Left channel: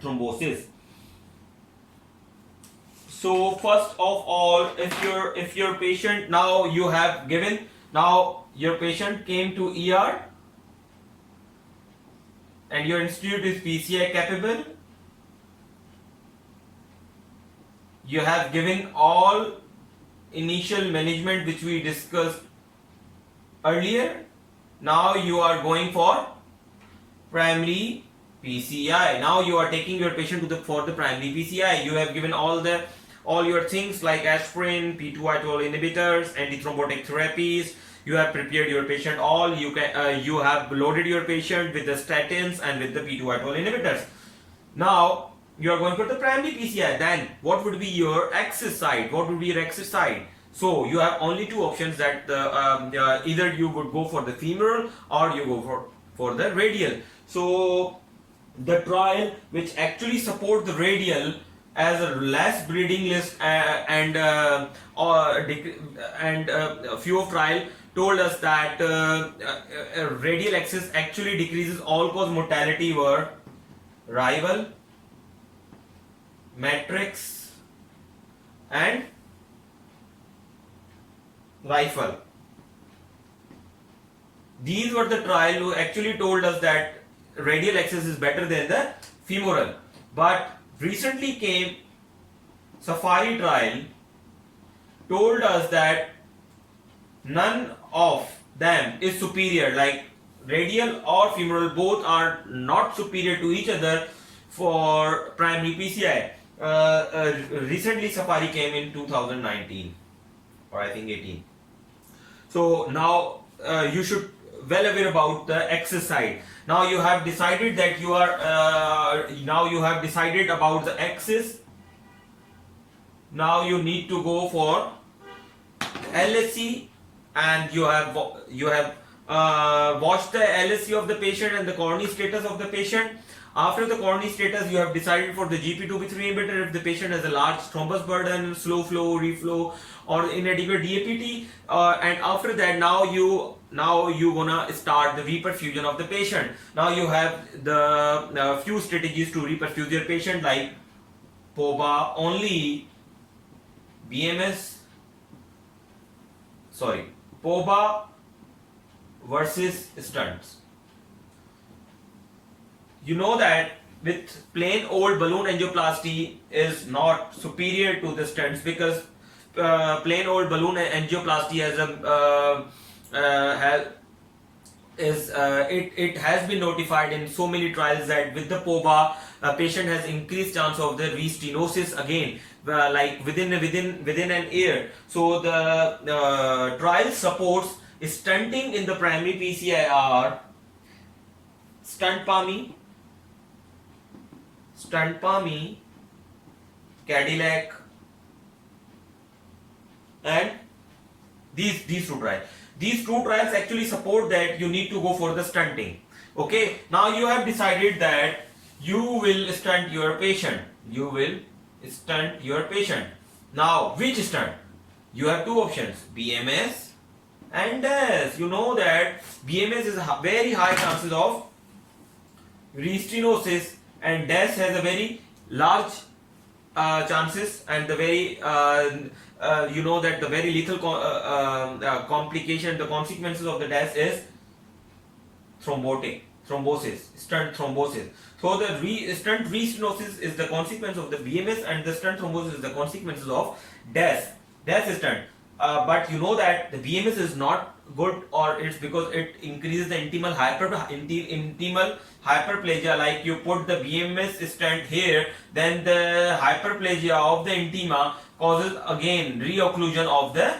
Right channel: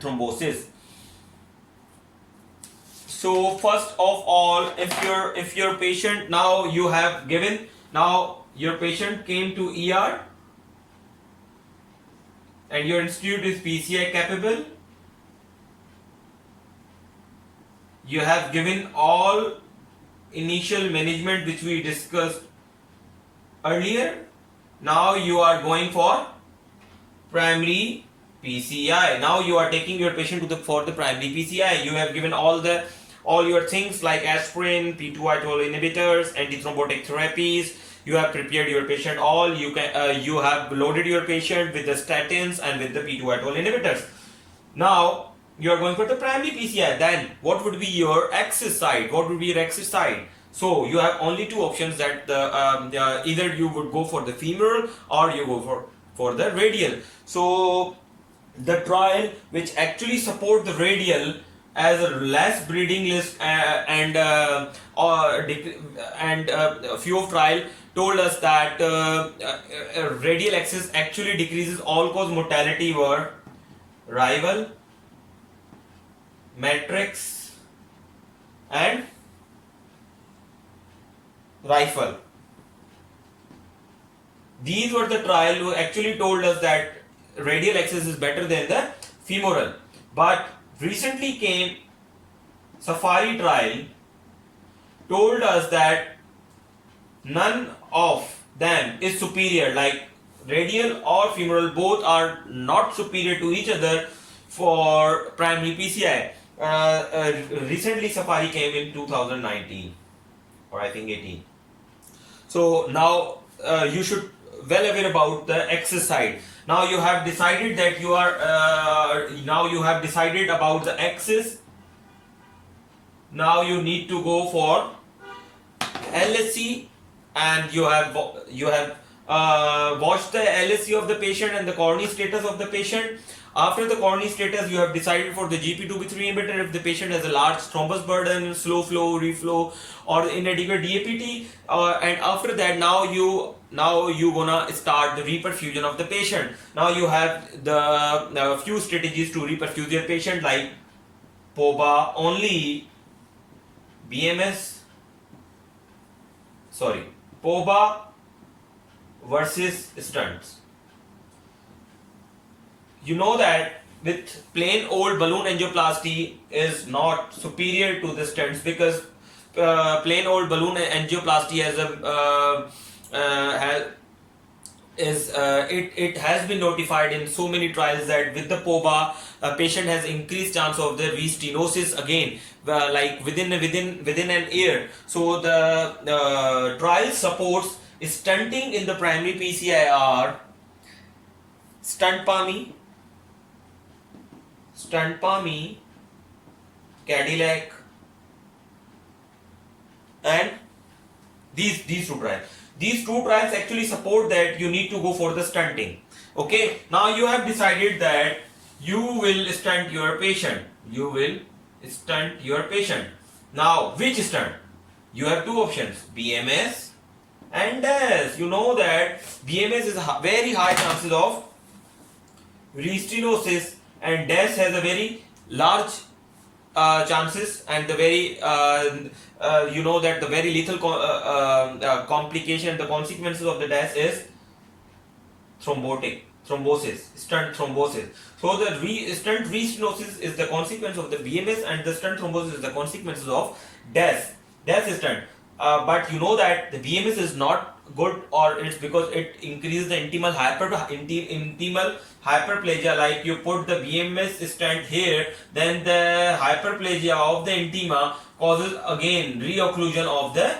thrombosis. So first of all, if your patient, now you have given, now your patient came to ER and your institute is PCI capable, you have given all initial management which we discussed earlier. Now you are going for primary PCI. Now you are taking your patient to for the primary PCI. You have given all your things like aspirin, P2Y12 inhibitors, antithrombotic therapies. You have prepared your patient all. You have loaded your patient with the statins and with the P2Y12 inhibitors. Now you are going for the primary PCI. Then what would be your access site? What would be your access site? So you have only two options, that either you would go for the femoral or you go for the radial. So the trial which actually support the radial as a less bleeding risk and a few of trial told us that radial access actually decreases all cause mortality were rival, matrix and rifle. These were the trial who actually told us that radial access is better than the femoral. But recently came Safari trial told us that none of them is superior, like radial or femoral both are not superior to each other for primary PCI. Recently Safari came in 2019 or I think 18. So now you should well aware about the access side. Now you have decided that you are now you have decided about the access. Now you need to go for LSC, and you have watched the LSC of the patient and the coronary status of the patient. After the coronary status, you have decided for the GP2B3 inhibitor if the patient has a large thrombus burden, slow flow, reflow, or inadequate DAPT. And after that, now you gonna start the reperfusion of the patient. Now you have the few strategies to reperfuse your patient, like POBA only, POBA versus stents. You know that with plain old balloon angioplasty is not superior to the stents, because plain old balloon angioplasty it has been notified in so many trials that with the POBA, a patient has increased chance of the restenosis again, like within an year. So the trial supports stenting in the primary PCI are stunt PAMI, Cadillac, and these two trials. These two trials actually support that you need to go for the stunting. Okay, now you have decided that you will stunt your patient. Now, which stunt? You have two options, BMS and DAS. You know that BMS is very high chances of restenosis, and DAS has a very large chances, and the very you know that the very lethal complication, the consequences of the DAS is thrombosis, stunt thrombosis. So the stunt restenosis is the consequence of the BMS, and the stunt thrombosis is the consequences of DAS stunt. But you know that the BMS is not good, or it's because it increases the intimal hyperplasia. Like you put the BMS stent here, then the hyperplasia of the intima causes again reocclusion of the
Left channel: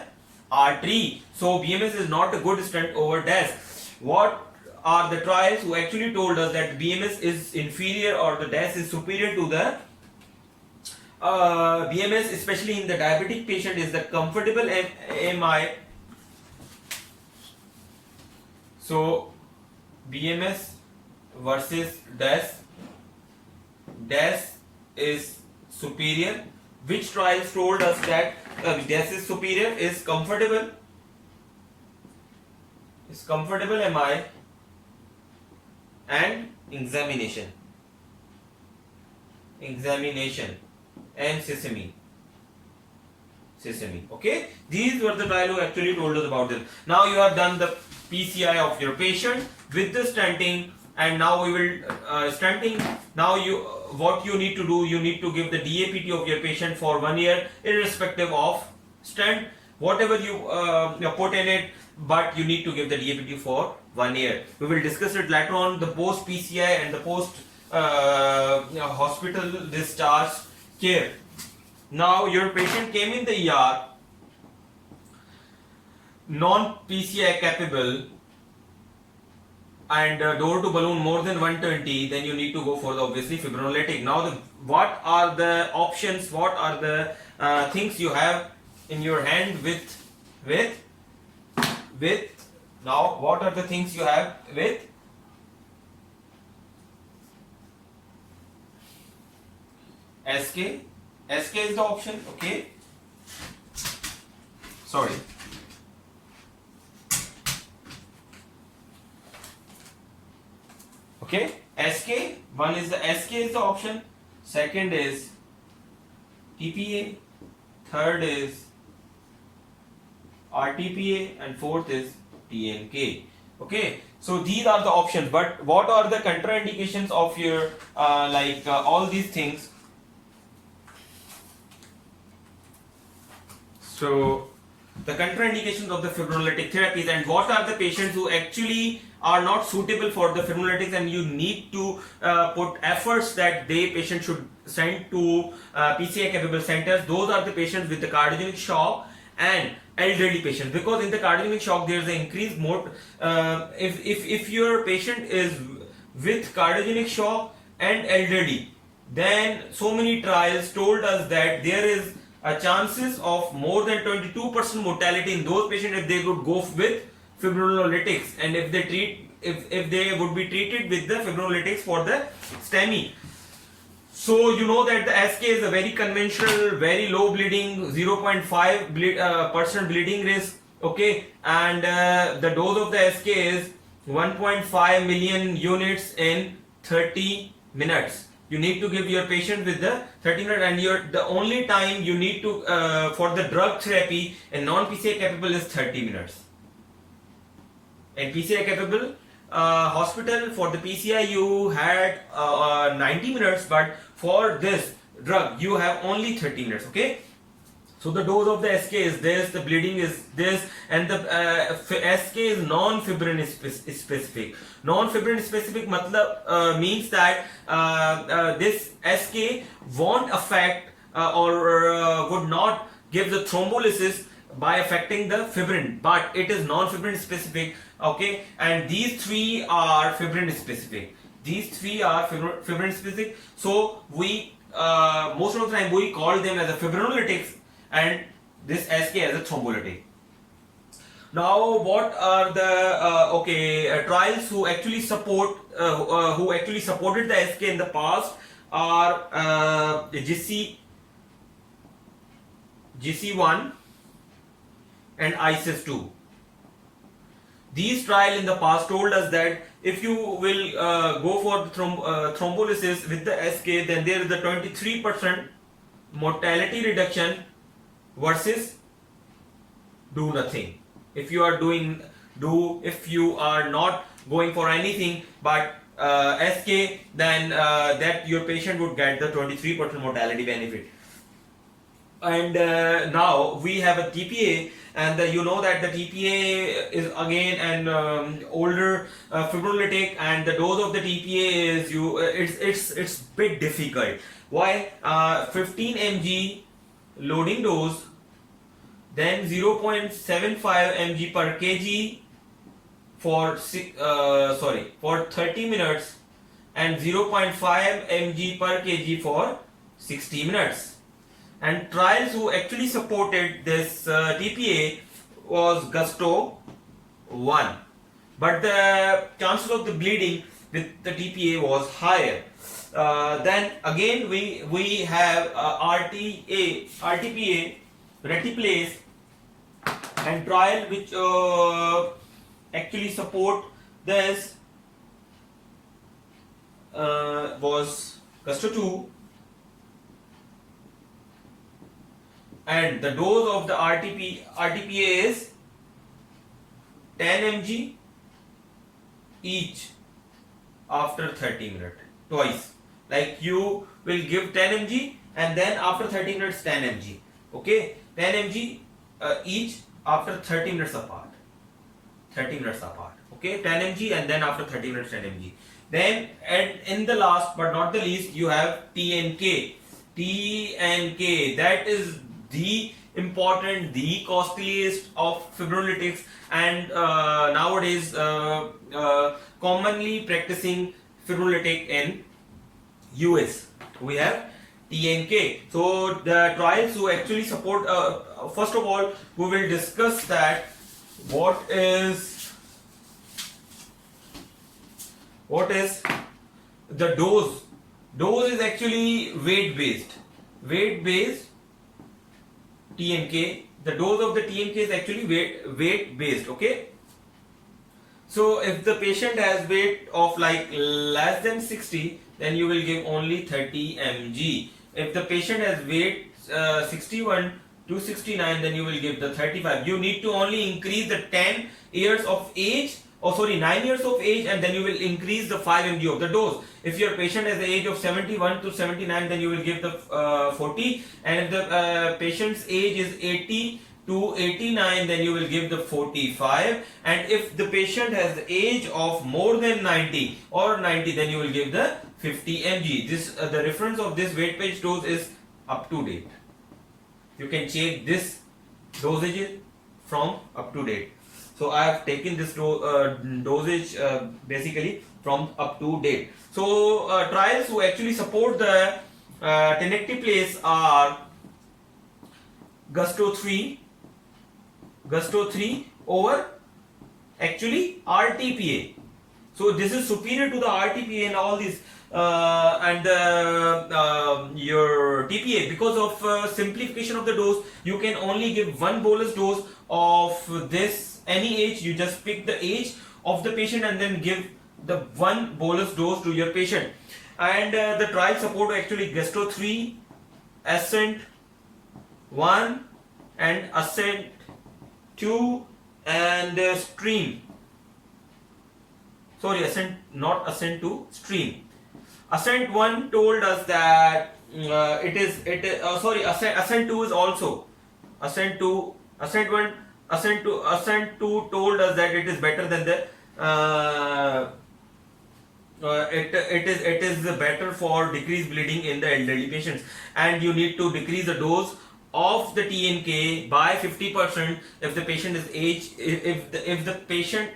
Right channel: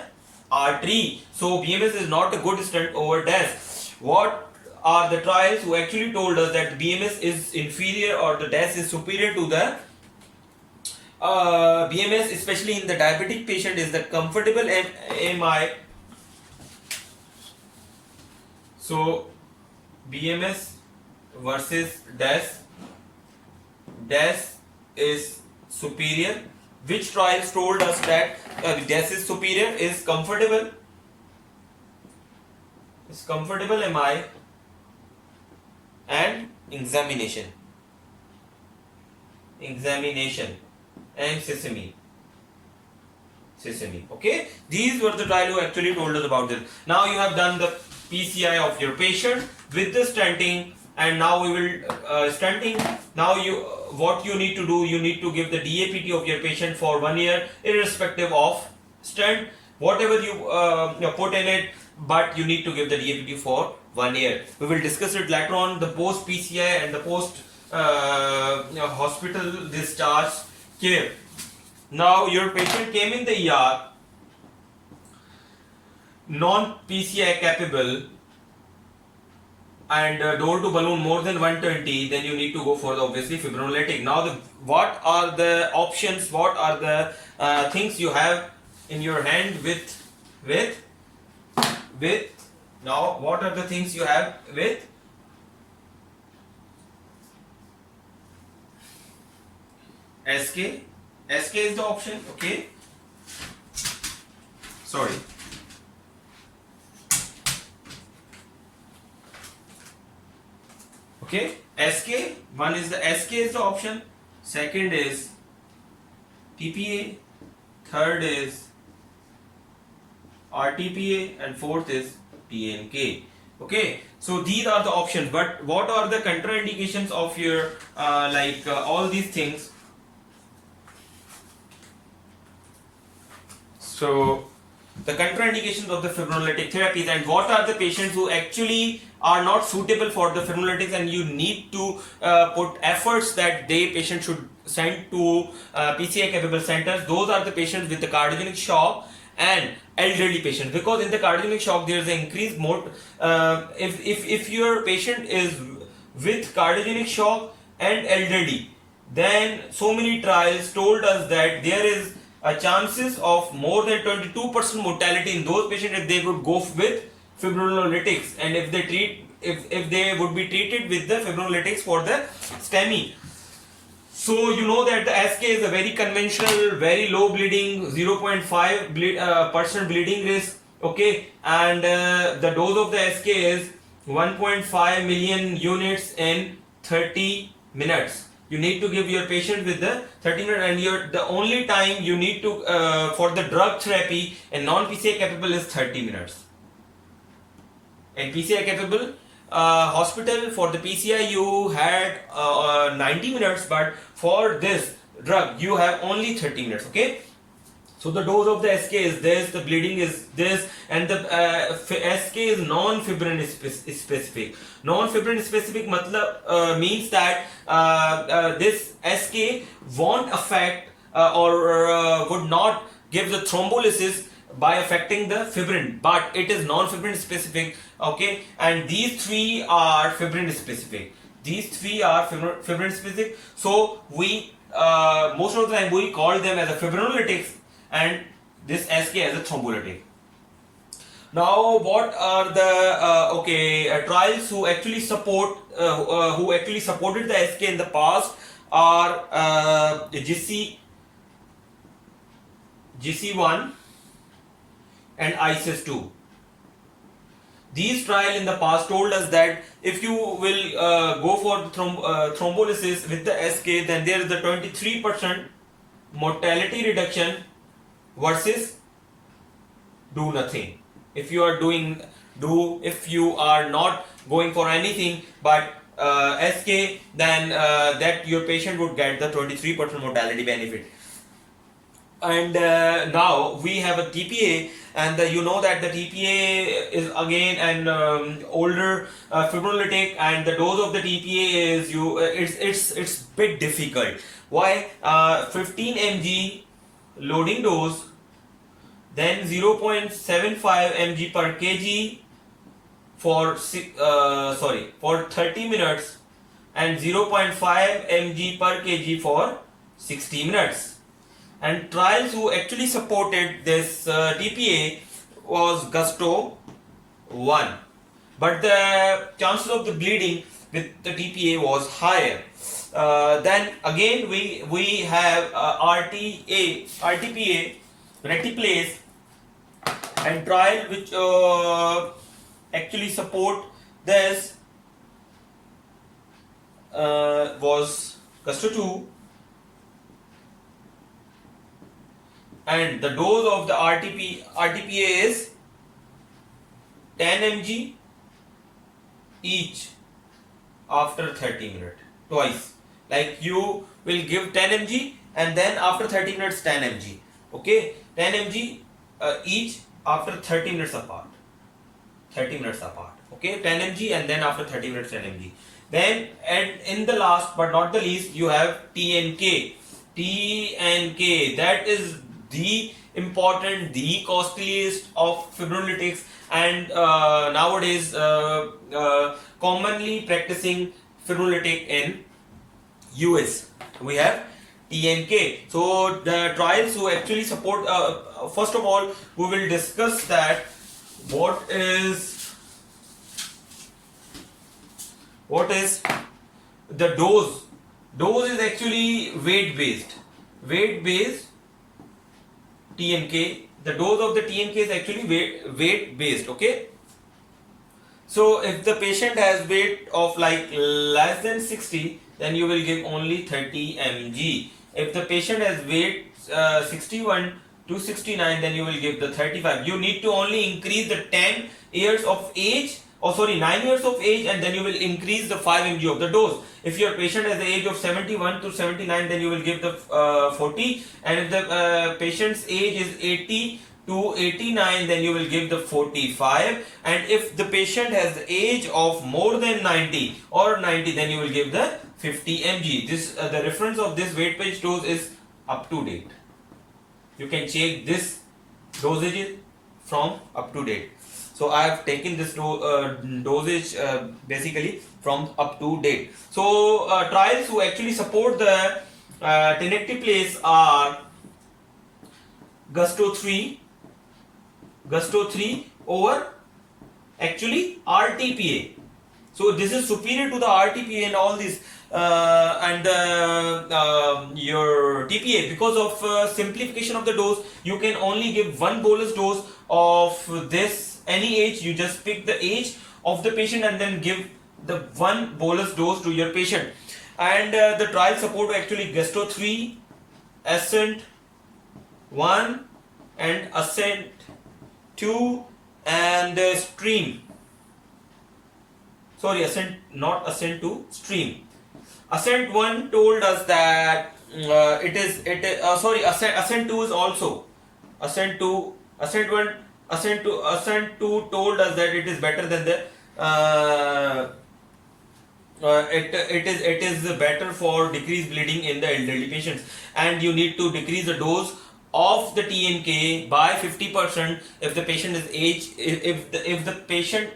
artery. So BMS is not a good stent over DAS. What are the trials who actually told us that the BMS is inferior or the DAS is superior to the BMS, especially in the diabetic patient, is the comfortable MI. So BMS versus DAS. DAS is superior. Which trials told us that DAS is superior? Is comfortable MI and examination. examination, and sesame. Okay, these were the trial who actually told us about this. Now you have done the PCI of your patient with the stenting, and now we will stenting. Now what you need to do, you need to give the DAPT of your patient for 1 year, irrespective of stent, whatever you put in it, but you need to give the DAPT for 1 year. We will discuss it later on, the post PCI and the post hospital discharge care. Now your patient came in the ER, non-PCI capable, and door to balloon more than 120, then you need to go for the obviously fibrinolytic. Now what are the options, what are the things you have in your hand with now what are the things you have with SK? SK is the option, okay? Sorry. Okay, SK, one is the SK is the option, second is TPA, third is RTPA, and fourth is TNK. Okay, so these are the options, but what are the contraindications of your all these things? So the contraindications of the fibrinolytic therapies, and what are the patients who actually are not suitable for the fibrinolytics, and you need to put efforts that patient should send to PCI capable centers. Those are the patients with the cardiogenic shock and elderly patients, because in the cardiogenic shock there is an increased mode. If your patient is with cardiogenic shock and elderly, then so many trials told us that there is a chances of more than 22% mortality in those patients if they would go with fibrinolytics, and if they would be treated with the fibrinolytics for the STEMI. So you know that the SK is a very conventional, very low bleeding, 0.5% bleeding risk, okay, and the dose of the SK is 1.5 million units in 30 minutes. You need to give your patient with the 30 minutes, and the only time you need to for the drug therapy in non-PCI capable is 30 minutes. In PCI capable hospital, for the PCI you had 90 minutes, but for this drug you have only 30 minutes. Okay, so the dose of the SK is this, the bleeding is this, and the SK is non-fibrin specific. Non-fibrin specific means that this SK won't affect or would not give the thrombolysis by affecting the fibrin, but it is non-fibrin specific. Okay, and these three are fibrin specific. These three are fibrin specific. So we most of the time we call them as a fibrinolytics, and this SK as a thrombolytic. Now, what are the trials who actually support who actually supported the SK in the past are GC1 and ISIS2. These trials in the past told us that if you will go for the thrombolysis with the SK, then there is a 23% mortality reduction versus do nothing. If you are if you are not going for anything but SK, then that your patient would get the 23% mortality benefit. And now we have a TPA, and you know that the TPA is again an older fibrinolytic, and the dose of the TPA is it's bit difficult. Why? 15 mg loading dose, then 0.75 mg per kg for 30 minutes, and 0.5 mg per kg for 60 minutes. And trials who actually supported this TPA was Gusto 1, but the chances of the bleeding with the TPA was higher. Then again we have RTPA, Retiplase, and trial which actually support this was Gusto 2, and the dose of the RTPA is 10 mg each after 30 minutes, twice. Like you will give 10 mg and then after 30 minutes 10 mg. Okay, 10 mg each after 30 minutes apart. 30 minutes apart. Okay, 10 mg and then after 30 minutes 10 mg. Then, and in the last but not the least, you have TNK. TNK, that is the important, the costliest of fibrinolytics, and nowadays commonly practicing fibrinolytic in US. We have TNK. So the trials who actually support, first of all, we will discuss that what is the dose. Dose is actually weight based TNK. The dose of the TNK is actually weight based. Okay, so if the patient has weight of like less than 60, then you will give only 30 mg. If the patient has weight 61 to 69, then you will give the 35. You need to only increase the 10 years of age, 9 years of age, and then you will increase the 5 mg of the dose. If your patient has the age of 71 to 79, then you will give the 40, and if the patient's age is 80 to 89, then you will give the 45, and if the patient has the age of more than 90 or 90, then you will give the 50 mg. This the reference of this weight based dose is UpToDate. You can check this dosage from UpToDate. So I have taken this dosage basically from UpToDate. So trials who actually support the tenecteplase are Gusto 3 over actually RTPA. So this is superior to the RTPA and all these and your TPA. Because of simplification of the dose, you can only give one bolus dose of this, any age. You just pick the age of the patient and then give the one bolus dose to your patient. And the trial support actually Gusto 3, Ascent 1 and Ascent 2 and Stream. Sorry, Ascent, not Ascent 2, Stream. Ascent 1 told us that Ascent 2 is also Ascent 2 told us that it is better than the it is better for decreased bleeding in the elderly patients, and you need to decrease the dose of the TNK by 50% if the patient is if the patient's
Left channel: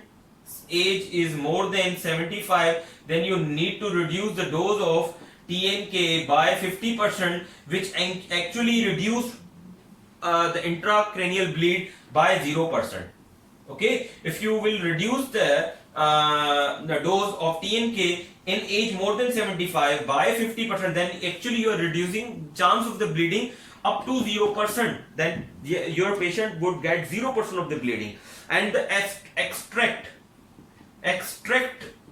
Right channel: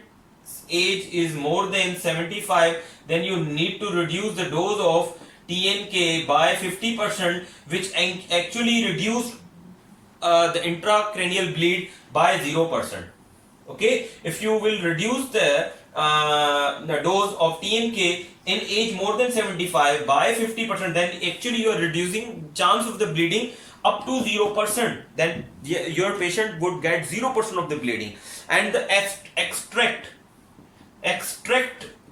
age is more than 75, then you need to reduce the dose of TNK by 50%, which actually reduce the intracranial bleed by 0%. Okay, if you will reduce the dose of TNK in age more than 75 by 50%, then actually you are reducing chance of the bleeding up to 0%. Then your patient would get 0% of the bleeding. And the extract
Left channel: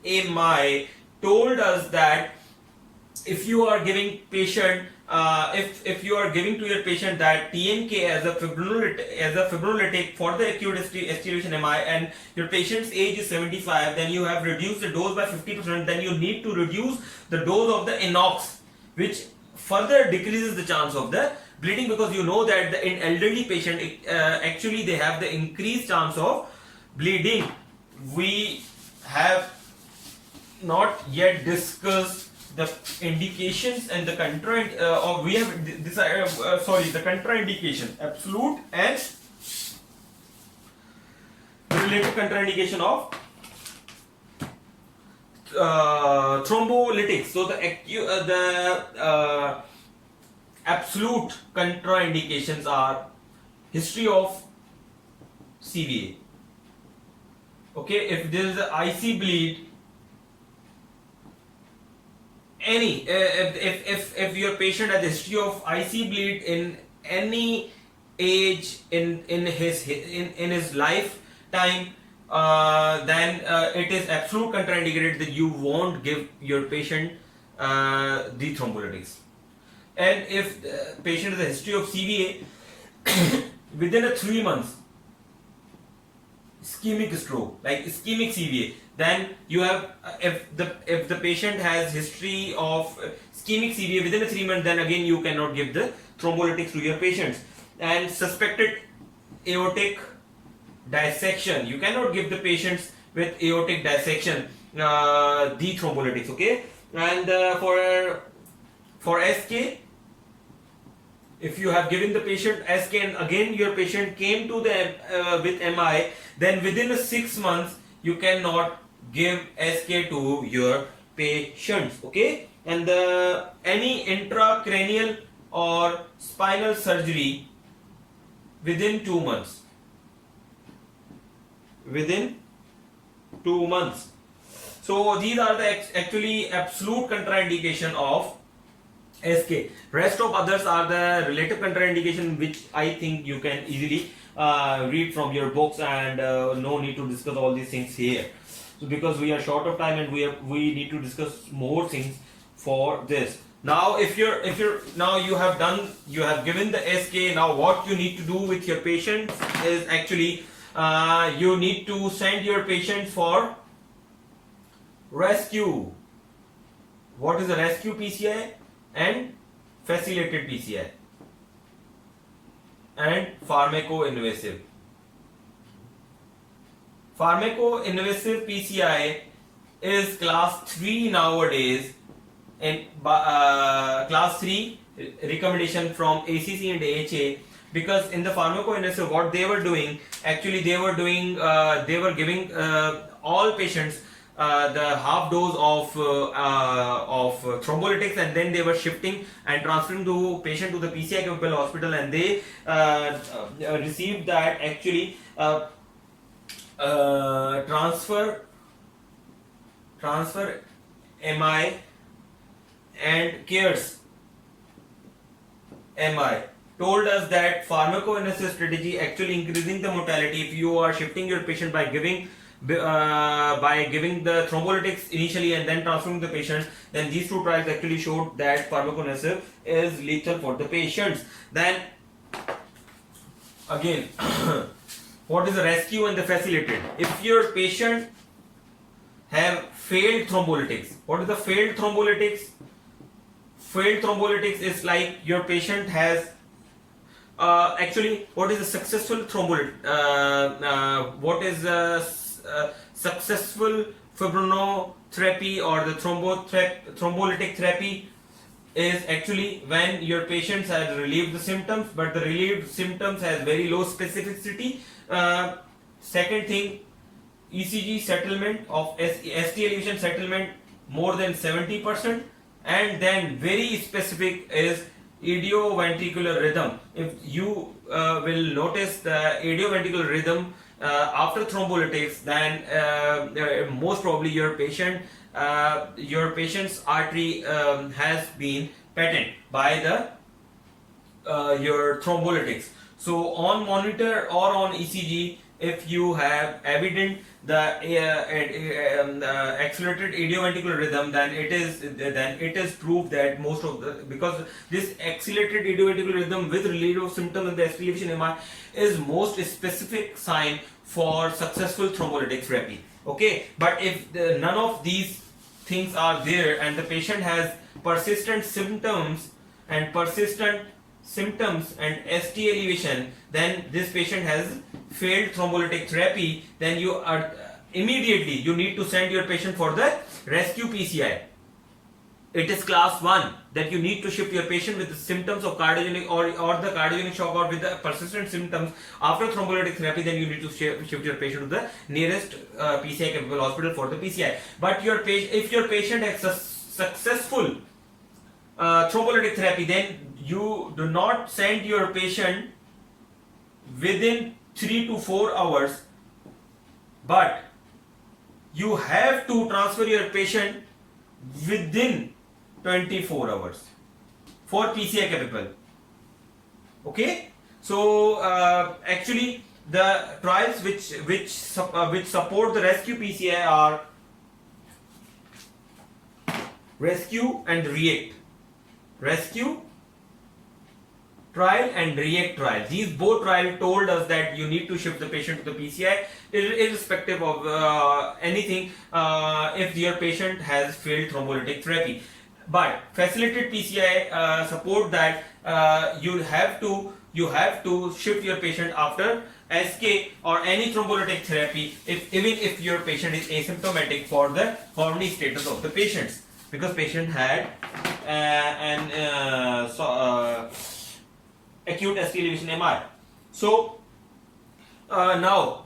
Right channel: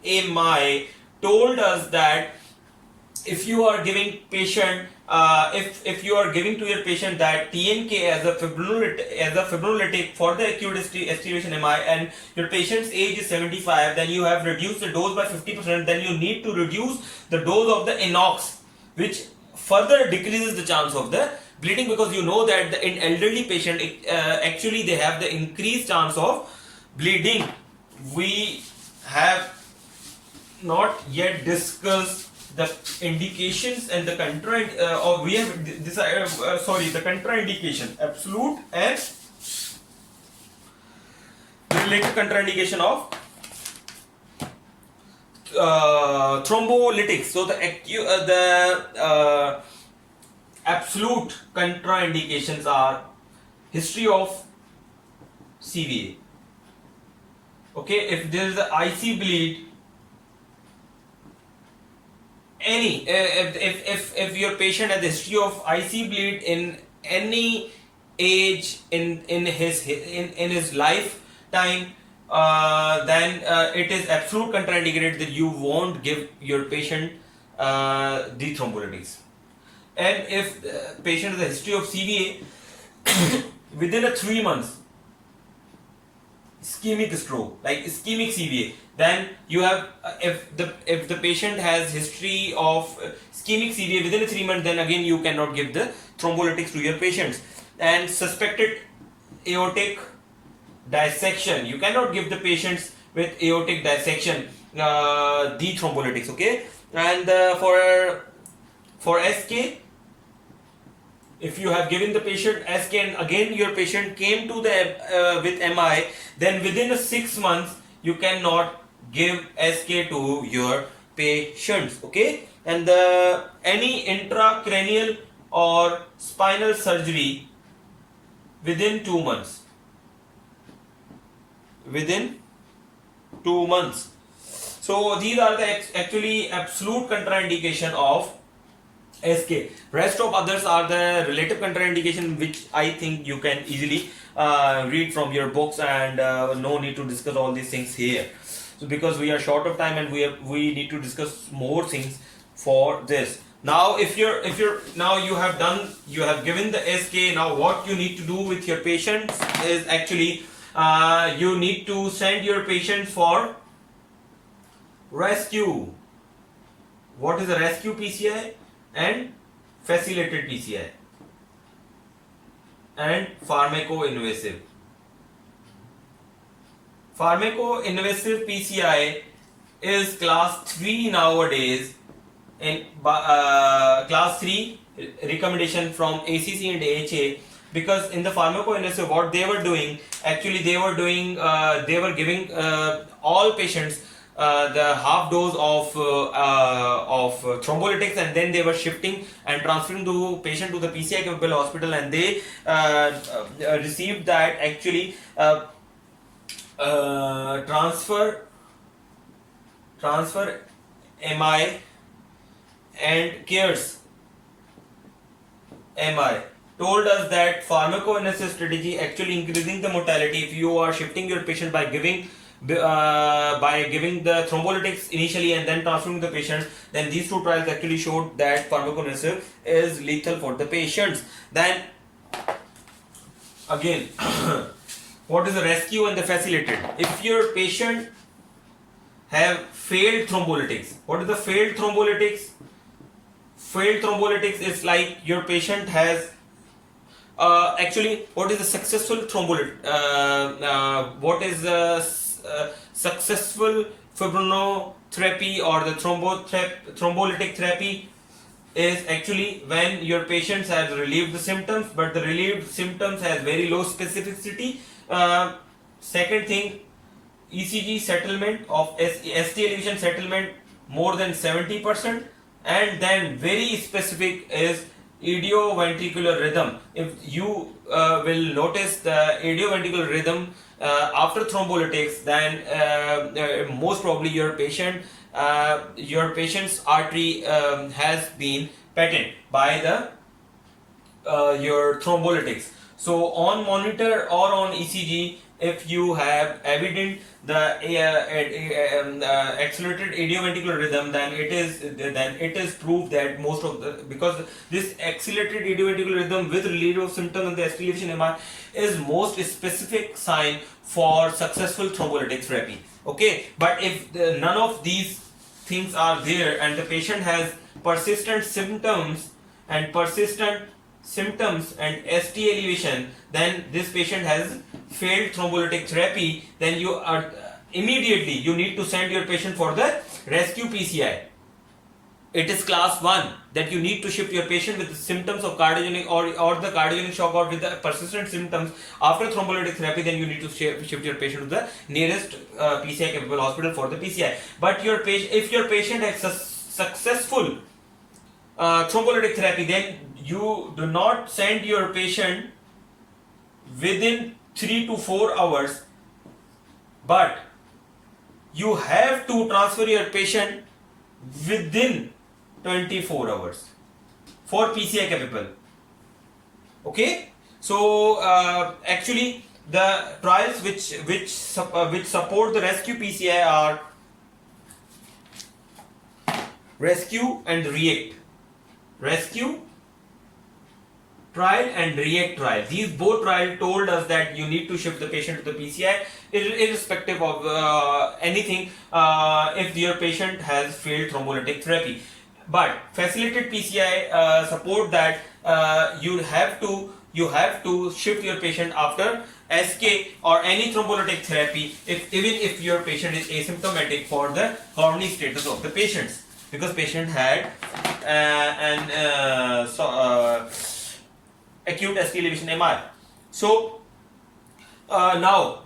AMI told us that if you are giving patient if you are giving to your patient that TNK as a fibrinolytic for the acute aspiration MI, and your patient's age is 75, then you have reduced the dose by 50%. Then you need to reduce the dose of the inox, which further decreases the chance of the bleeding, because you know that in elderly patient actually they have the increased chance of bleeding. We have not yet discussed the indications and the the contraindication, absolute and related contraindication of thrombolytics. So the absolute contraindications are history of CVA. Okay, if there is an IC bleed, if your patient has a history of IC bleed in any age in his lifetime, then it is absolute contraindicated that you won't give your patient the thrombolytics. And if the patient has a history of CVA within a 3 months ischemic stroke, like ischemic CVA, then you have if the patient has history of ischemic CVA within a 3 months, then again you cannot give the thrombolytics to your patients. And suspected aortic dissection, you cannot give the patients with aortic dissection the thrombolytics. Okay, and for SK, if you have given the patient SK and again your patient came to the with MI, then within 6 months you cannot give SK to your patients. Okay, and any intracranial or spinal surgery within 2 months. Within 2 months. So these are the actually absolute contraindication of SK. Rest of others are the relative contraindication, which I think you can easily read from your books, and no need to discuss all these things here. So because we are short of time and we need to discuss more things for this. Now if you're now you have given the SK. Now what you need to do with your patients is actually you need to send your patients for rescue. What is a rescue PCI and facilitated PCI and pharmacoinvasive. Pharmacoinvasive PCI is class 3 nowadays, and class 3 recommendation from ACC and AHA, because in the pharmacoinvasive what they were doing, actually they were giving all patients the half dose of thrombolytics, and then they were shifting and transferring the patient to the PCI capable hospital, and they received that actually transfer MI and CARES MI told us that pharmacoinvasive strategy actually increasing the mortality. If you are shifting your patient by giving the thrombolytics initially and then transferring the patient, then these two trials actually showed that pharmacoinvasive is lethal for the patients. Then again, what is the rescue and the facilitated? If your patient have failed thrombolytics, what is the failed thrombolytics? Failed thrombolytics is like your patient has actually, what is the successful thrombolytic? What is the successful fibrinotherapy or the thrombolytic therapy is actually when your patients have relieved the symptoms, but the relieved symptoms has very low specificity. Second thing, ECG settlement of ST elevation settlement more than 70%, and then very specific is idioventricular rhythm. If you will notice the idioventricular rhythm after thrombolytics, then most probably your patient's artery has been patent by the your thrombolytics. So on monitor or on ECG, if you have evident the accelerated idioventricular rhythm, then it is proved that most of the, because this accelerated idioventricular rhythm with relief of symptoms in the ST elevation MI is most specific sign for successful thrombolytic therapy. Okay, but if none of these things are there and the patient has persistent symptoms and ST elevation, then this patient has failed thrombolytic therapy, then you are immediately you need to send your patient for the rescue PCI. It is class 1 that you need to shift your patient with the symptoms of cardiogenic or the cardiogenic shock or with the persistent symptoms after thrombolytic therapy. Then you need to shift your patient to the nearest PCI capable hospital for the PCI. But if your patient has successful thrombolytic therapy, then you do not send your patient within 3 to 4 hours, but you have to transfer your patient within 24 hours for PCI capable. Okay, so actually the trials which support the rescue PCI are rescue and react. Rescue trial and REACT trial. These both trials told us that you need to shift the patient to the PCI irrespective of anything if your patient has failed thrombolytic therapy. But facilitated PCI support that you have to shift your patient after SK or any thrombolytic therapy even if your patient is asymptomatic for the coronary status of the patients, because patient had acute ST elevation MI. So now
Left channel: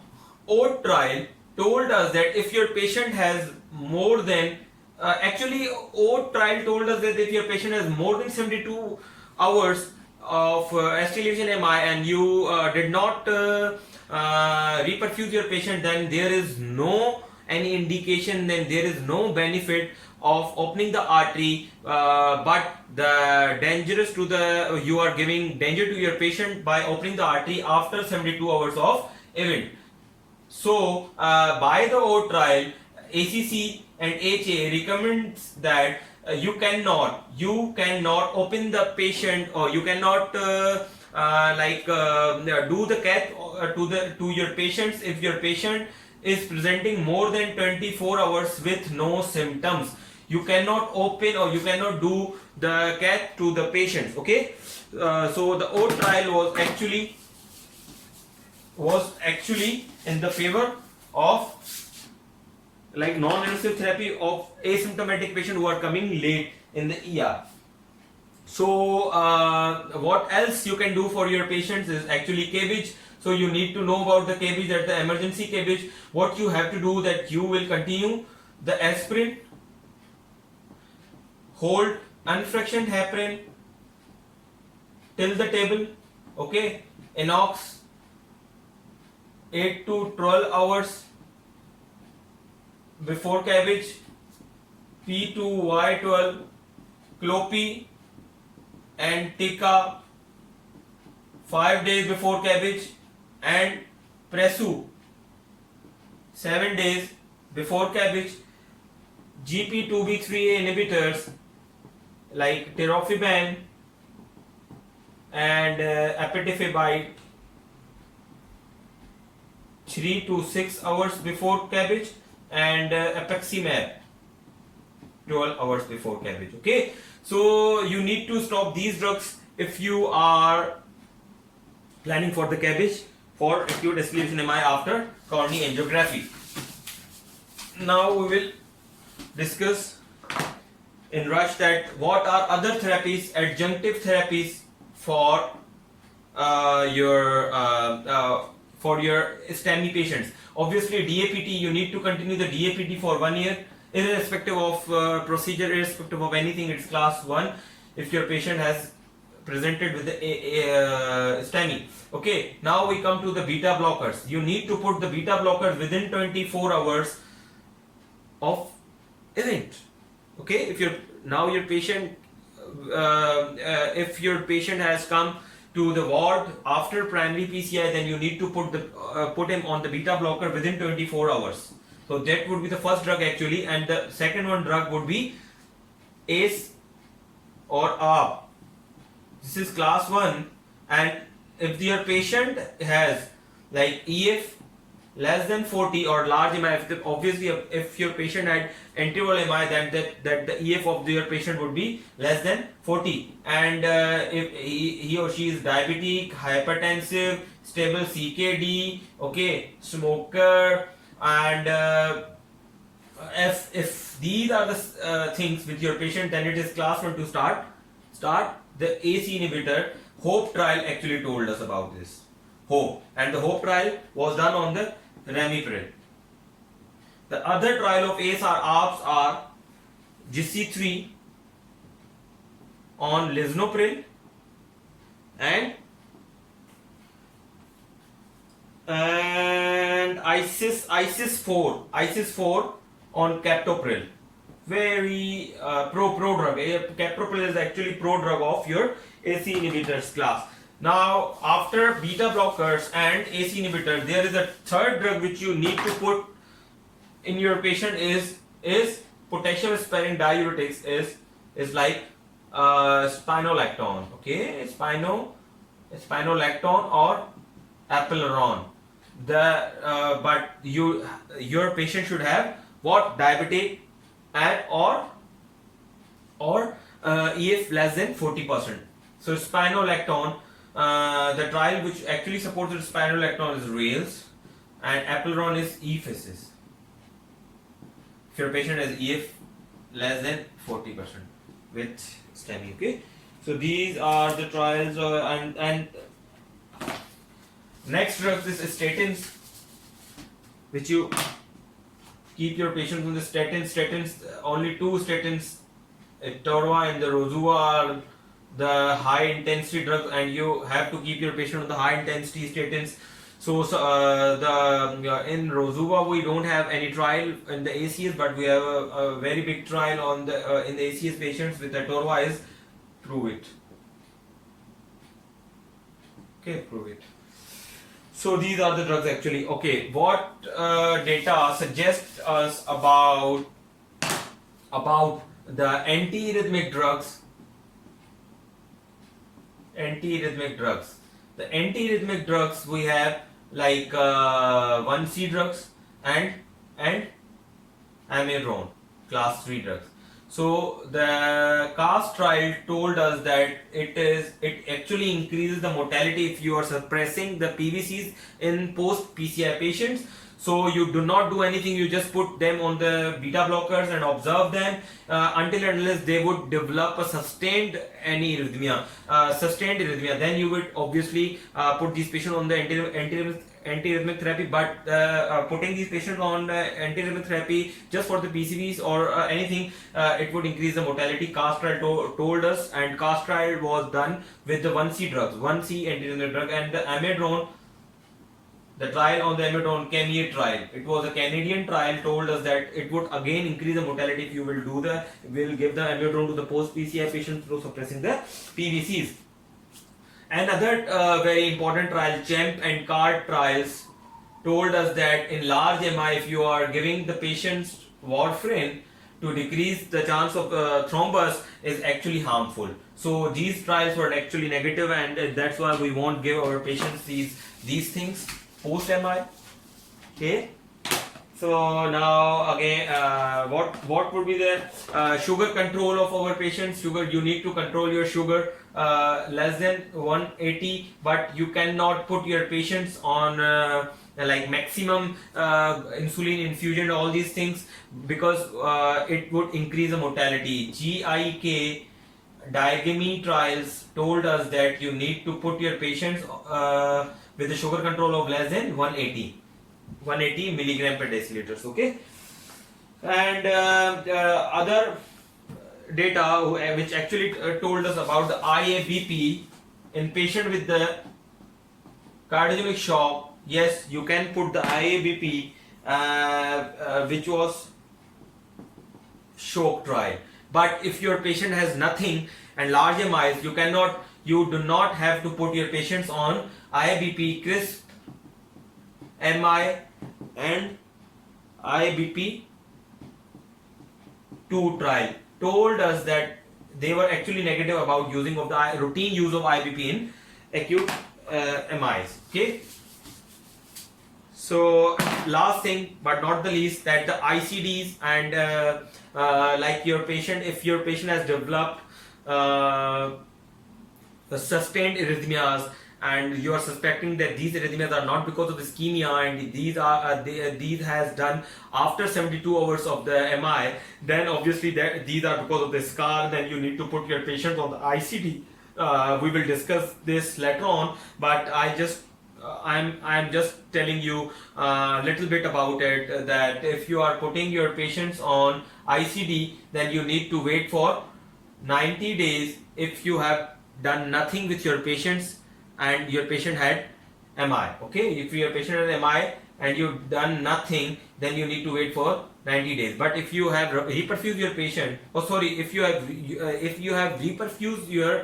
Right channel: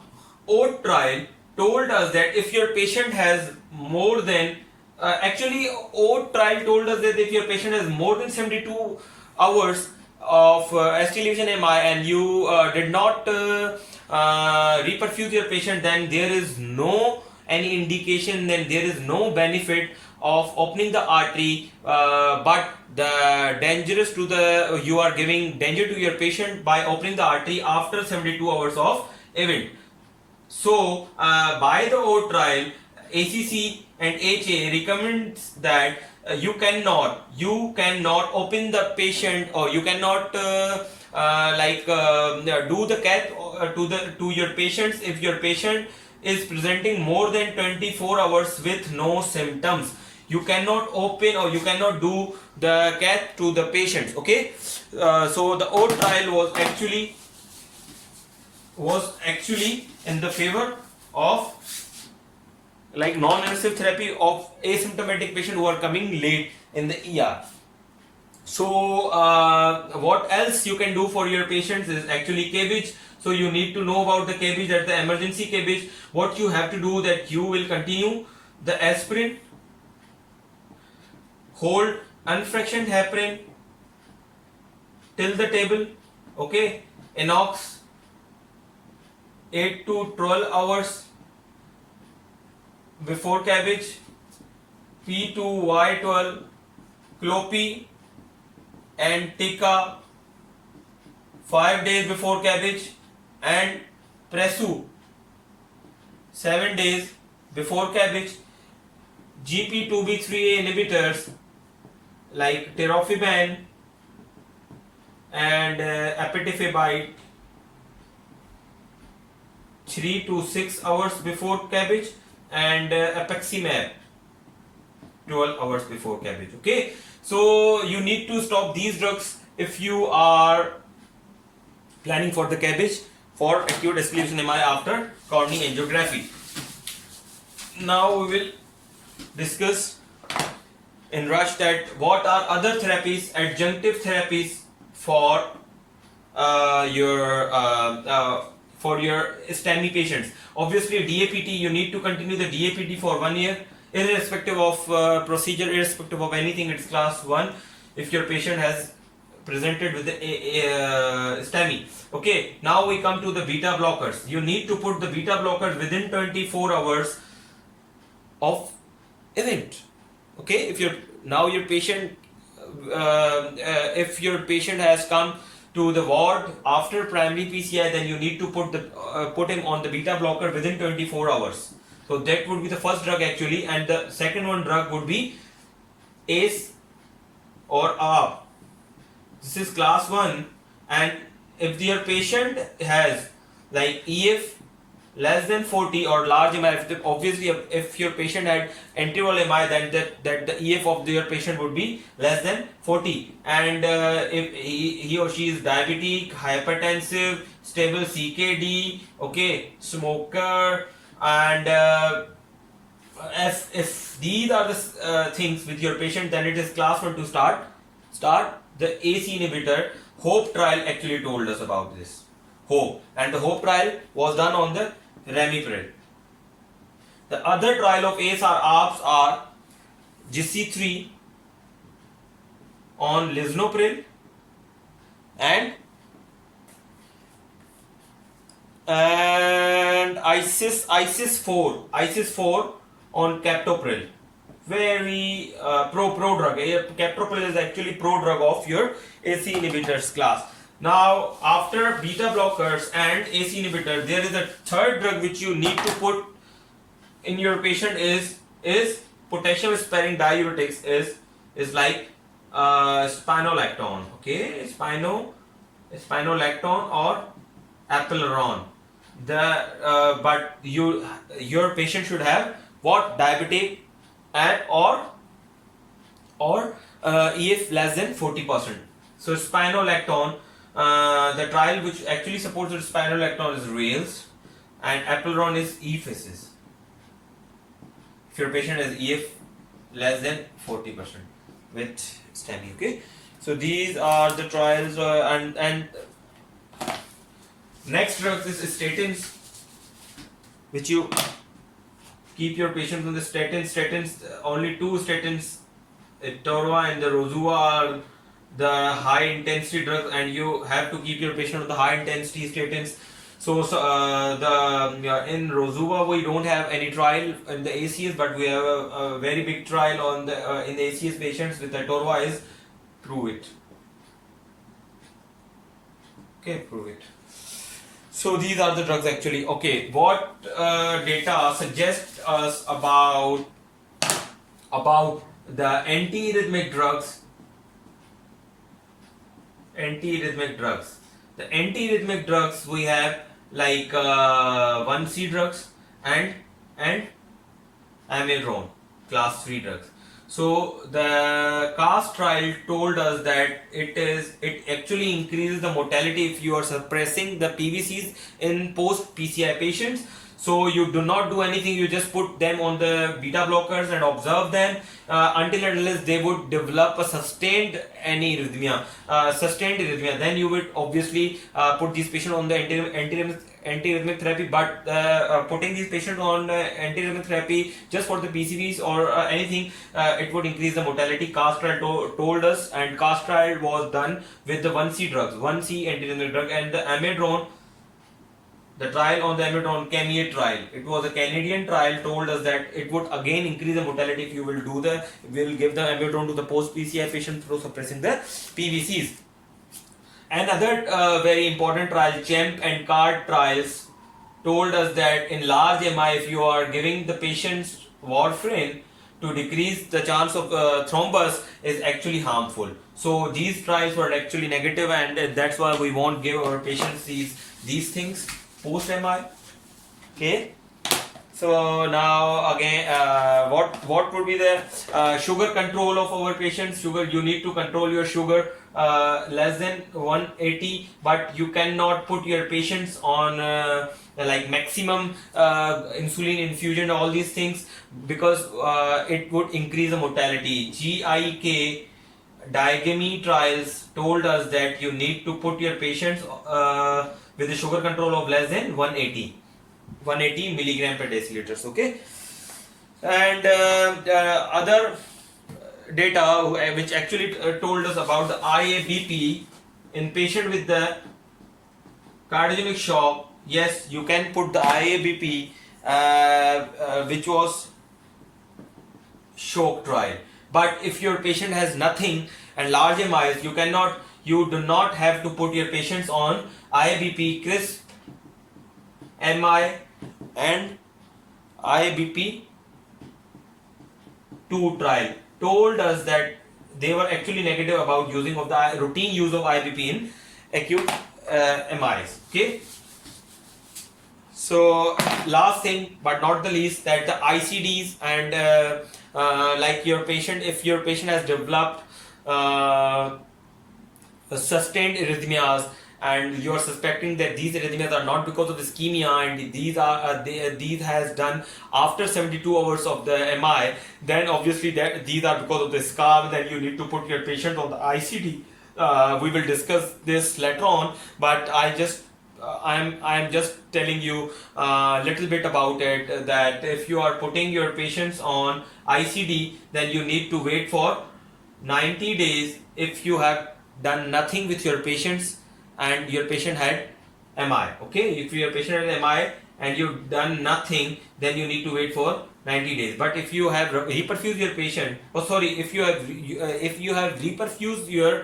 OAT trial told us that if your patient has more than actually OAT trial told us that if your patient has more than 72 hours of ST elevation MI and you did not reperfuse your patient, then there is no any indication, then there is no benefit of opening the artery, but the dangerous to the you are giving danger to your patient by opening the artery after 72 hours of event. So by the OAT trial, ACC and HA recommends that you cannot open the patient, or you cannot do the cath to your patients if your patient is presenting more than 24 hours with no symptoms. You cannot open or you cannot do the cath to the patients. Okay, so the OAT trial was actually in the favor of like non-invasive therapy of asymptomatic patient who are coming late in the ER. So what else you can do for your patients is actually cabbage. So you need to know about the cabbage, that the emergency cabbage. What you have to do, that you will continue the aspirin, hold unfractioned heparin till the table, okay, inox 8 to 12 hours before cabbage, P2Y12, Clopi and Tika 5 days before cabbage, and Presu 7 days before cabbage. GP2B3A inhibitors like tirofiban and apetifibride 3 to 6 hours before cabbage, and apeximab 12 hours before cabbage. Okay, so you need to stop these drugs if you are planning for the cabbage for acute ST elevation MI after coronary angiography. Now we will discuss in rush that what are other therapies, adjunctive therapies for your STEMI patients. Obviously DAPT, you need to continue the DAPT for 1 year irrespective of procedure, irrespective of anything. It's class 1 if your patient has presented with the STEMI. Okay, now we come to the beta blockers. You need to put the beta blockers within 24 hours of event. Okay, if your patient if your patient has come to the ward after primary PCI, then you need to put him on the beta blocker within 24 hours. So that would be the first drug actually, and the second one drug would be ACE or ARB. This is class 1, and if your patient has like EF less than 40 or large MI, obviously if your patient had anterior MI, then that the EF of your patient would be less than 40, and if he or she is diabetic, hypertensive, stable CKD, okay, smoker, and if these are the things with your patient, then it is class 1 to start the AC inhibitor. HOPE trial actually told us about this. HOPE, and the HOPE trial was done on the ramipril. The other trial of ACE or ARBs are GC3 on lisinopril and ISIS-4 on captopril. Very pro drug. Captopril is actually pro drug of your AC inhibitors class. Now after beta blockers and AC inhibitors, there is a third drug which you need to put in your patient is potassium sparing diuretics, is like spironolactone. Okay, spironolactone. spironolactone or apaleron. But your patient should have what? Diabetic and or EF less than 40%. So spironolactone, the trial which actually supports the spironolactone is rails, and apaleron is EFISs. If your patient has EF less than 40% with STEMI. Okay, so these are the trials, and next drugs is statins, which you keep your patients on the statins. Statins, only two statins, Torva and the Rozua, are the high intensity drugs, and you have to keep your patient on the high intensity statins. So in Rozua we don't have any trial in the ACS, but we have a very big trial on the in the ACS patients with the Torva is prove it. Okay, prove it. So these are the drugs actually. Okay, what data suggests us about the antiarrhythmic drugs? The antiarrhythmic drugs we have like 1C drugs and amiodarone, class 3 drugs. So the CAST trial told us that it actually increases the mortality if you are suppressing the PVCs in post PCI patients. So you do not do anything, you just put them on the beta blockers and observe them until and unless they would develop a sustained arrhythmia. Then you would obviously put these patients on the antiarrhythmic therapy. But putting these patients on antiarrhythmic therapy just for the PCVs or anything, it would increase the mortality. CAST trial told us, and CAST trial was done with the 1C drugs, 1C antiarrhythmic drug, and the amiodarone. The trial on the amiodarone, Camille trial, it was a Canadian trial, told us that it would again increase the mortality if you will give the amiodarone to the post PCI patients through suppressing the PVCs. Another very important trial, CHEMP and CARD trials, told us that in large MI, if you are giving the patients warfarin to decrease the chance of thrombus, is actually harmful. So these trials were actually negative, and that's why we won't give our patients these things post MI. Okay, so now again, what would be the sugar control of our patients? Sugar, you need to control your sugar less than 180, but you cannot put your patients on like maximum insulin infusion, all these things, because it would increase the mortality. GIK diagamy trials told us that you need to put your patients with a sugar control of less than 180 milligram per deciliters. Okay, and other data which actually told us about the IABP in patient with the cardiogenic shock. Yes, you can put the IABP which was shock trial, but if your patient has nothing and large MIs, you do not have to put your patients on IABP, CRISP, MI and IABP 2 trial told us that they were actually negative about using of the routine use of IABP in acute MIs. Okay, so last thing but not the least, that the ICDs and like your patient, if your patient has developed sustained arrhythmias and you are suspecting that these arrhythmias are not because of ischemia and these has done after 72 hours of the MI, then obviously these are because of the scar, then you need to put your patient on the ICD. We will discuss this later on, but I'm just telling you a little bit about it, that if you are putting your patients on ICD, then you need to wait for 90 days if you have done nothing with your patients and your patient had MI. Okay, if your patient had MI and you've done nothing, then you need to wait for 90 days. But if you have reperfused your patient, if you have reperfused your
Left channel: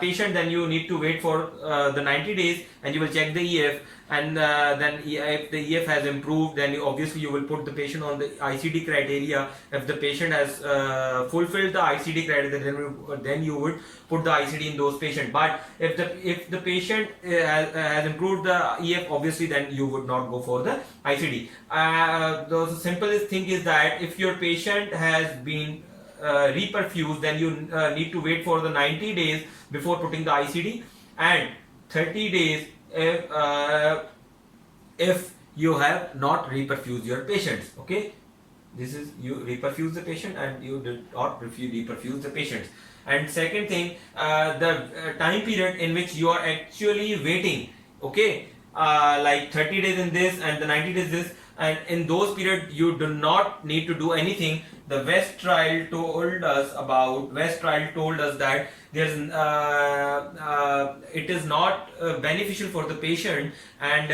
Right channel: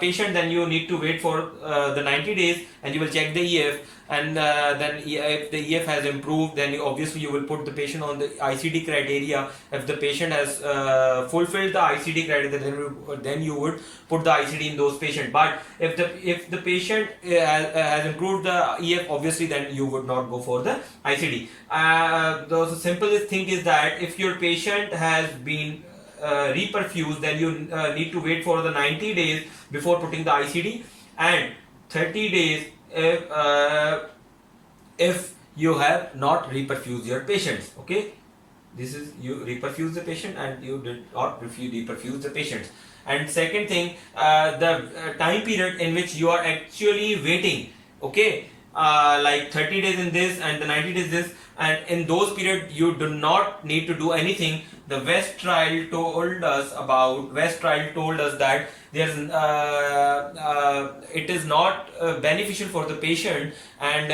patient, then you need to wait for the 90 days and you will check the EF, and then if the EF has improved, then obviously you will put the patient on the ICD criteria. If the patient has fulfilled the ICD criteria, then you would put the ICD in those patients. But if the patient has improved the EF, obviously then you would not go for the ICD. The simplest thing is that if your patient has been reperfused, then you need to wait for the 90 days before putting the ICD, and 30 days if you have not reperfused your patients. Okay, this is you reperfuse the patient and you did not reperfuse the patients. And second thing, the time period in which you are actually waiting. Okay, like 30 days in this and the 90 days this, and in those periods you do not need to do anything. The West trial told us that there's it is not beneficial for the patient, and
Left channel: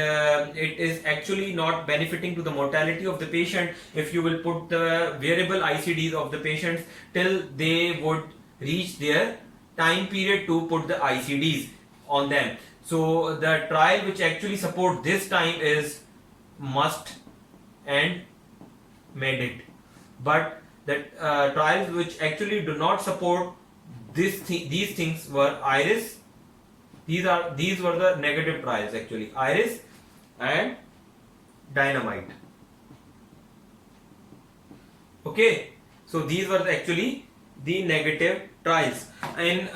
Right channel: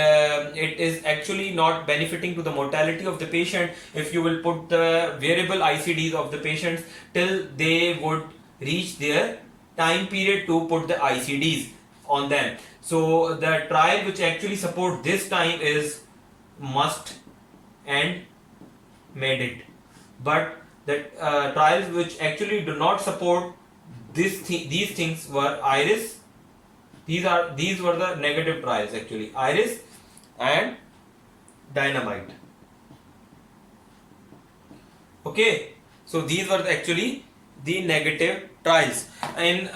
it is actually not benefiting to the mortality of the patient if you will put the variable ICDs of the patients till they would reach their time period to put the ICDs on them. So the trial which actually support this time is MUST and MEDIT, but the trials which actually do not support these things were IRIS. These were the negative trials actually, IRIS and Dynamite. Okay, so these were actually the negative trials. And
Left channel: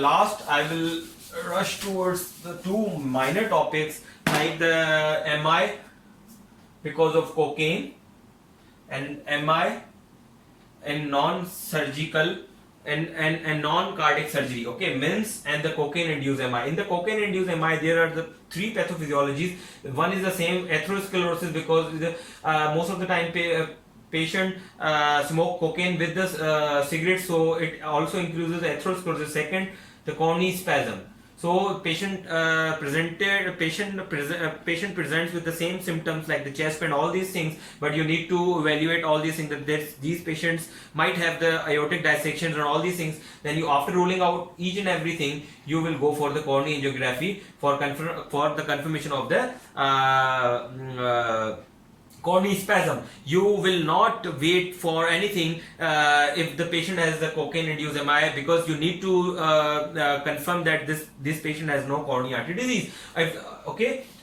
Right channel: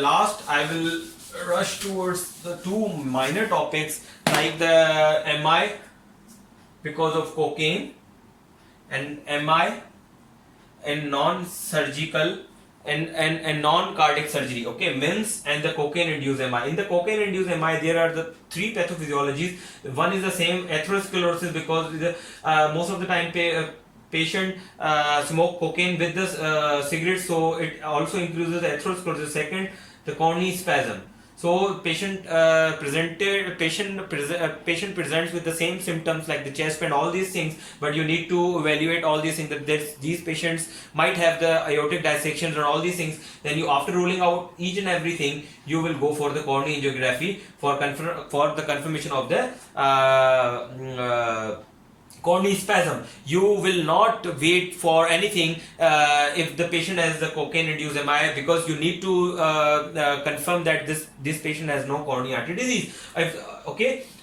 last, I will rush towards the two minor topics like the MI because of cocaine, and MI and non-surgical and non-cardiac surgery. Okay, MINS and the cocaine induced MI. In the cocaine induced MI, there are the three pathophysiologies. One is the same, atherosclerosis, because most of the time patient smoke cocaine with the cigarette, so it also increases atherosclerosis. Second, the coronary spasm. So patient presents with the same symptoms like the chest pain, all these things, but you need to evaluate all these things, that these patients might have the aortic dissections and all these things. Then you, after ruling out each and everything, you will go for the coronary angiography for the confirmation of the coronary spasm. You will not wait for anything if the patient has the cocaine induced MI, because you need to confirm that this patient has no coronary artery disease, no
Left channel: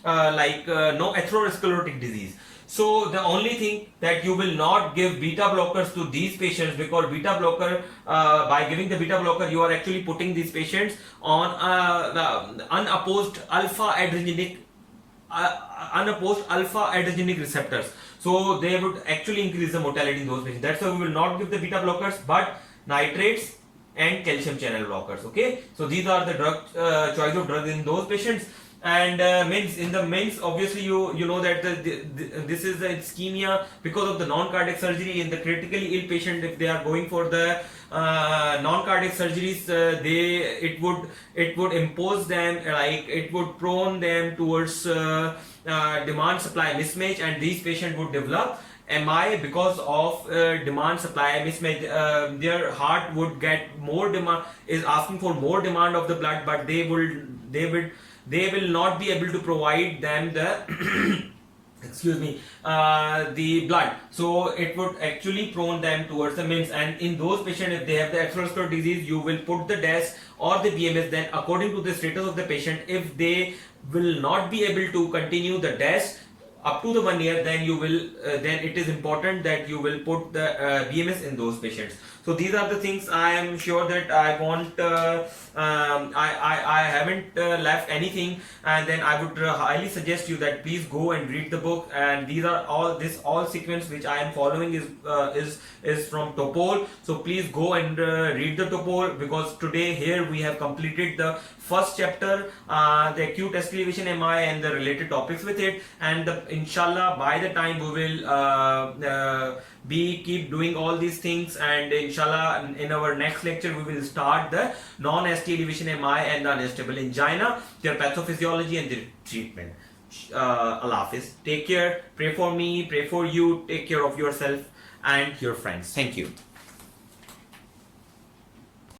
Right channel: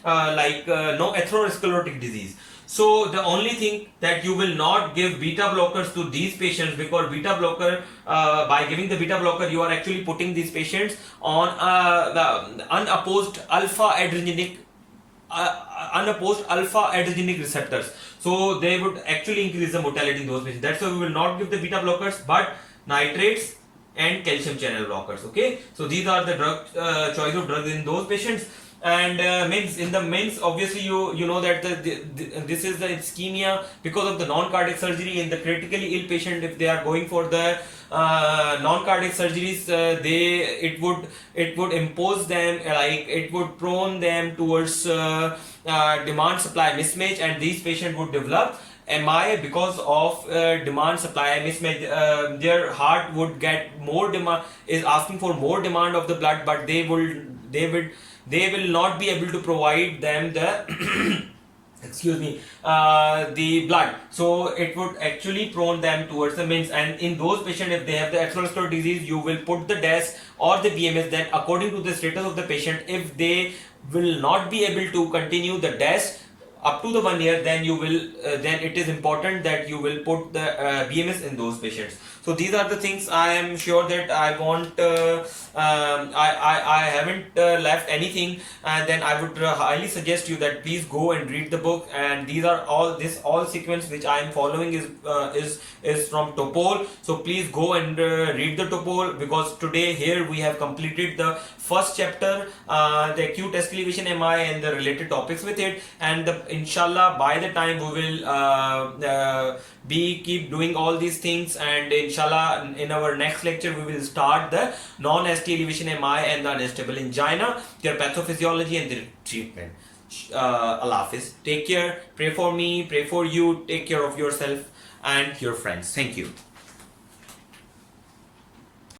atherosclerotic disease. So the only thing that you will not give beta blockers to these patients, because beta blocker, by giving the beta blocker, you are actually putting these patients on the unopposed alpha adrenergic receptors, so they would actually increase the mortality in those patients. That's why we will not give the beta blockers, but nitrates and calcium channel blockers. Okay, so these are the choice of drugs in those patients. And MINS, in the MINS, obviously you know that this is the ischemia because of the non-cardiac surgery. In the critically ill patient, if they are going for the non-cardiac surgeries, it would impose them, like it would prone them towards demand supply mismatch, and these patients would develop MI because of demand supply mismatch. Their heart would get more demand, is asking for more demand of the blood, but they will not be able to provide them the the blood, so it would actually prone them towards the MINS. And in those patients, if they have the atherosclerotic disease, you will put the DAS or the BMS. Then according to the status of the patient, if they will not be able to continue the DAS up to the 1 year, then you will then it is important that you will put the BMS in those patients. So these are the things. I am sure that I want I haven't left anything, and then I would highly suggest you that please go and read the book. And these are all sequence which I am following is from Topol. So please go and read the Topol, because today here we have completed the first chapter, the acute elevation MI and the related topics with it. And inshallah, by the time we will keep doing all these things, and inshallah in our next lecture we will start the non-ST elevation MI and the unstable angina, their pathophysiology and their treatment. Allah Hafiz. Take care. Pray for me, pray for you. Take care of yourself and your friends. Thank you.